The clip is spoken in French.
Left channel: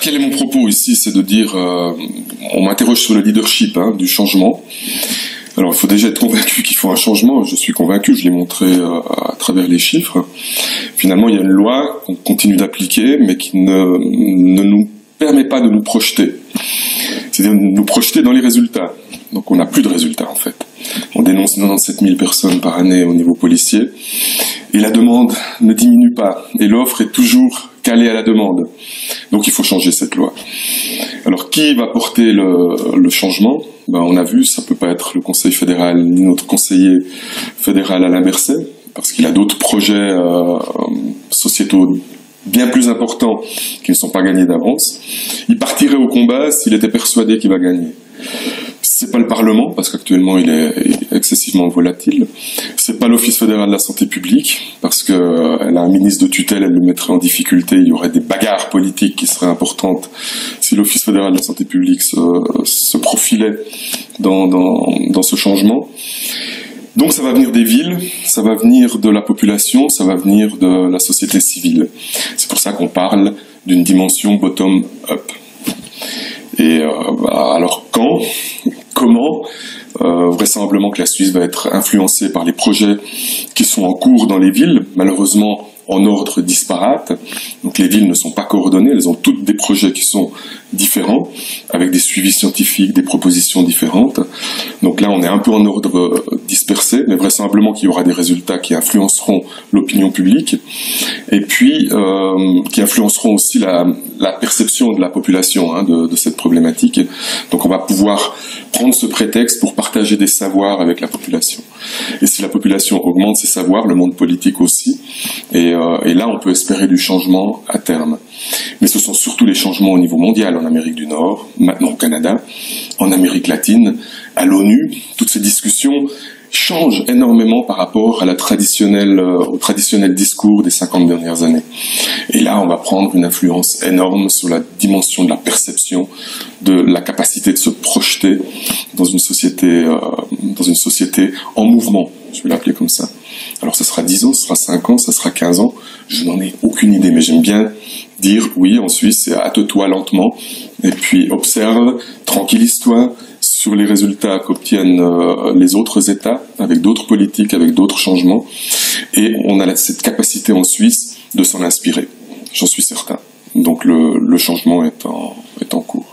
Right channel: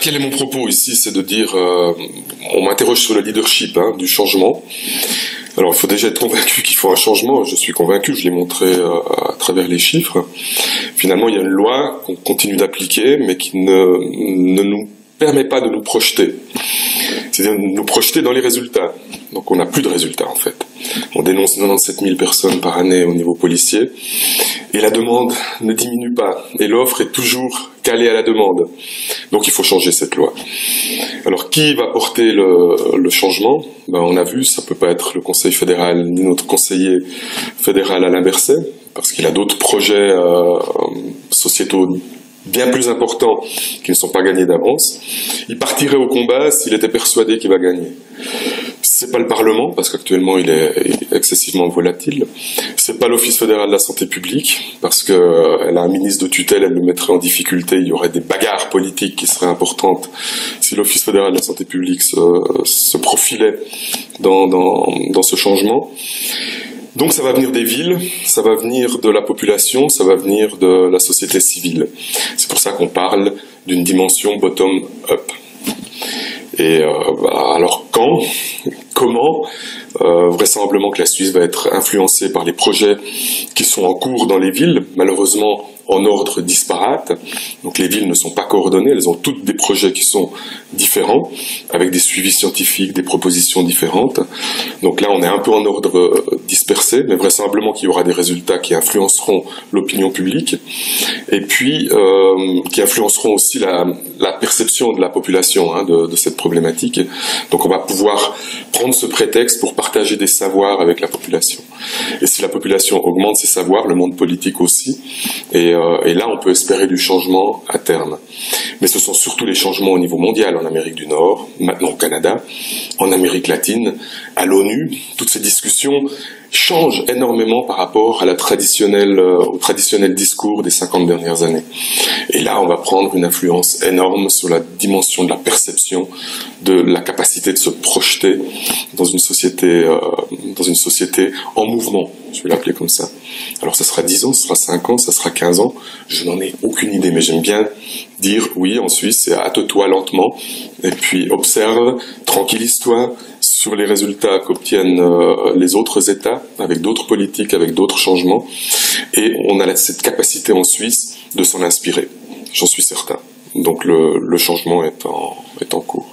Quel est mon propos ici? C'est de dire, on m'interroge sur le leadership du changement. Alors, il faut déjà être convaincu qu'il faut un changement. Je suis convaincu, je l'ai montré à travers les chiffres. Finalement, il y a une loi qu'on continue d'appliquer, mais qui ne nous permet pas de nous projeter. C'est-à-dire de nous projeter dans les résultats. Donc, on n'a plus de résultats, en fait. On dénonce 97 000 personnes par année au niveau policier. Et la demande ne diminue pas. Et l'offre est toujours calée à la demande. Donc, il faut changer cette loi. Alors, qui va porter le changement? On a vu, ça peut pas être le Conseil fédéral ni notre conseiller fédéral Alain Berset, parce qu'il a d'autres projets sociétaux bien plus importants qui ne sont pas gagnés d'avance. Il partirait au combat s'il était persuadé qu'il va gagner. C'est pas le Parlement, parce qu'actuellement il est excessivement volatile. C'est pas l'Office fédéral de la santé publique, parce que elle a un ministre de tutelle, elle le mettrait en difficulté. Il y aurait des bagarres politiques qui seraient importantes si l'Office fédéral de la santé publique se profilait dans ce changement. Donc ça va venir des villes, ça va venir de la population, ça va venir de la société civile. C'est pour ça qu'on parle d'une dimension bottom-up. Et alors quand, comment, vraisemblablement que la Suisse va être influencée par les projets qui sont en cours dans les villes, malheureusement en ordre disparate. Donc les villes ne sont pas coordonnées, elles ont toutes des projets qui sont différents, avec des suivis scientifiques, des propositions différentes. Donc là, on est un peu en ordre dispersé, mais vraisemblablement qu'il y aura des résultats qui influenceront l'opinion publique, et puis qui influenceront aussi la perception de la population de cette problématique. Donc on va pouvoir prendre ce prétexte pour partager des savoirs avec la population. Et si la population augmente ses savoirs, le monde politique aussi, et là on peut espérer du changement à terme. Mais ce sont surtout les changements au niveau mondial, en Amérique du Nord, maintenant au Canada, en Amérique latine, à l'ONU. Toutes ces discussions changent énormément par rapport à au traditionnel discours des 50 dernières années. Et là, on va prendre une influence énorme sur la dimension de la perception, de la capacité de se projeter dans une société en mouvement. Je vais l'appeler comme ça. Alors, ça sera 10 ans, ça sera 5 ans, ça sera 15 ans. Je n'en ai aucune idée, mais j'aime bien dire, oui, en Suisse, c'est hâte-toi lentement, et puis observe, tranquillise-toi sur les résultats qu'obtiennent les autres États, avec d'autres politiques, avec d'autres changements, et on a cette capacité en Suisse de s'en inspirer. J'en suis certain. Donc le changement est en cours.